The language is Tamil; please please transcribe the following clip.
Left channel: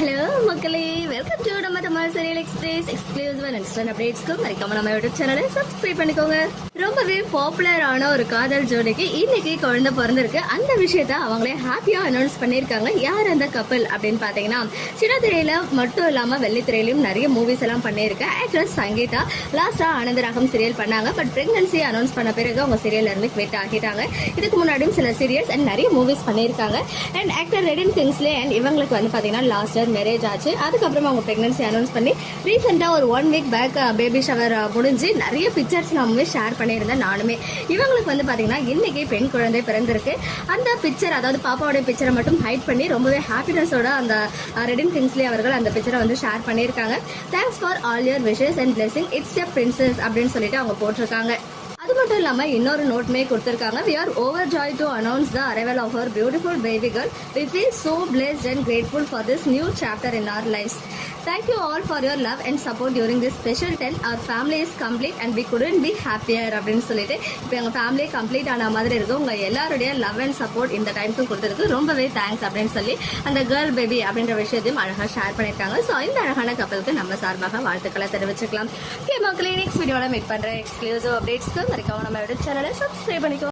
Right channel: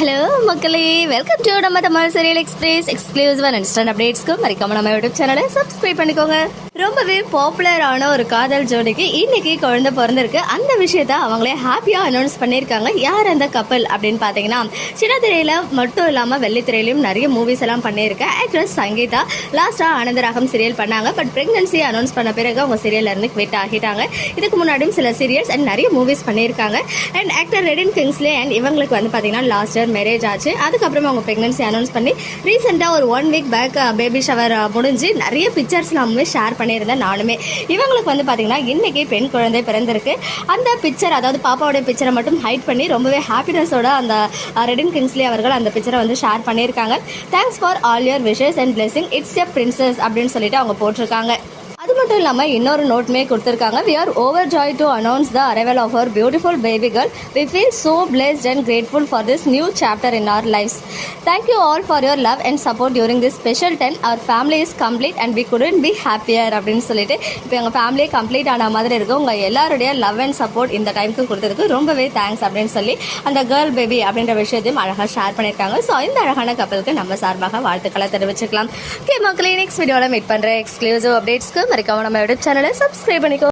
ஹலோ மக்களே. வெல்கம் டு நம்ம Tamil serial express exclusive and instant அப்டேட்ஸ்க்கு மறக்காம நம்ம யூடியூப் சேனலை சப்ஸ்கிரைப் பண்ணிக்கோங்க. ரொம்பவே பாப்புலரான ஒரு காதல் ஜோடிக்கு இன்னைக்கு குழந்தை பிறந்திருக்கு. அந்த விஷயத்த அவங்களே ஹாப்பியா அனௌன்ஸ் பண்ணியிருக்காங்க. யார் அந்த கப்பல் அப்படின்னு பார்த்தீங்கன்னா சின்ன திரையில மட்டும் இல்லாம வெள்ளித்திரையிலும் நிறைய மூவிஸ் எல்லாம் பண்ணியிருக்க. ஆக்ட்ரஸ் சங்கீதா லாஸ்டா ஆனந்தராகம் சீரியல் பண்ணாங்க. பட் பிரெக்னன்சி அனௌன்ஸ் பண்ண பிறகு அவங்க சீரியல்ல இருந்து குவிட் ஆகிட்டாங்க. இதுக்கு முன்னாடியும் சில சீரியல்ஸ் அண்ட் நிறைய மூவிஸ் பண்ணியிருக்காங்க. And actor Redin Kingsley and இவங்களுக்கு வந்து பார்த்தீங்கன்னா லாஸ்ட் இயர் மேரேஜ் ஆச்சு. அதுக்கப்புறமா அவங்க ப்ரெக்னன்சி அனௌன்ஸ் பண்ணி ரீசெண்டாக ஒரு one week back baby shower முடிஞ்சு நிறைய பிக்சர்ஸ் நாமே ஷேர் பண்ணியிருந்தேன் நானுமே. இவங்களுக்கு வந்து பார்த்தீங்கன்னா இன்றைக்கி பெண் குழந்தை பிறந்திருக்கு. அந்த பிக்சர் அதாவது பாப்பாவோட பிக்சரை மட்டும் ஹைட் பண்ணி ரொம்பவே ஹாப்பினஸோட அந்த ரெடின் கிங்ஸ்லி அவர்கள் அந்த பிக்சரை வந்து ஷேர் பண்ணியிருக்காங்க. Thanks for all your wishes and blessing it's a princess அப்படின்னு சொல்லிட்டு அவங்க போட்டிருக்காங்க. மட்டும் இல்லாமல் இன்னொரு நோட்மே கொடுத்துருக்காங்க. We are over joy to announce the arrival of our beautiful baby girl we feel so blessed and grateful for this new chapter in our lifes thank you all for your love and support during this special time our family is complete and we couldn't be happier அப்படின்னு சொல்லிட்டு இப்போ எங்கள் ஃபேமிலியே கம்ப்ளீட் ஆன மாதிரி இருக்கு. உங்கள் எல்லாருடைய லவ் அண்ட் சப்போர்ட் இந்த டைமுக்கு கொடுத்துருக்கு ரொம்பவே தேங்க்ஸ் அப்படின்னு சொல்லி அந்த கேர்ள் பேபி அப்படின்ற விஷயத்தையும் அழகாக ஷேர் பண்ணியிருக்காங்க. ஸோ இந்த அழகான கப்பலுக்கு நம்ம சார்பாக வாழ்த்துக்களை தெரிவிச்சுக்கலாம். ஓகே மக்களே நெக்ஸ்ட் வீடியோவில் மீட் பண்ணுற எக்ஸ்க்ளூசிவ் அப்டேட்ஸ்க்கு மறக்காம நம்ம யூடியூப் சேனலை சப்ஸ்கிரைப் பண்ணிக்கோ.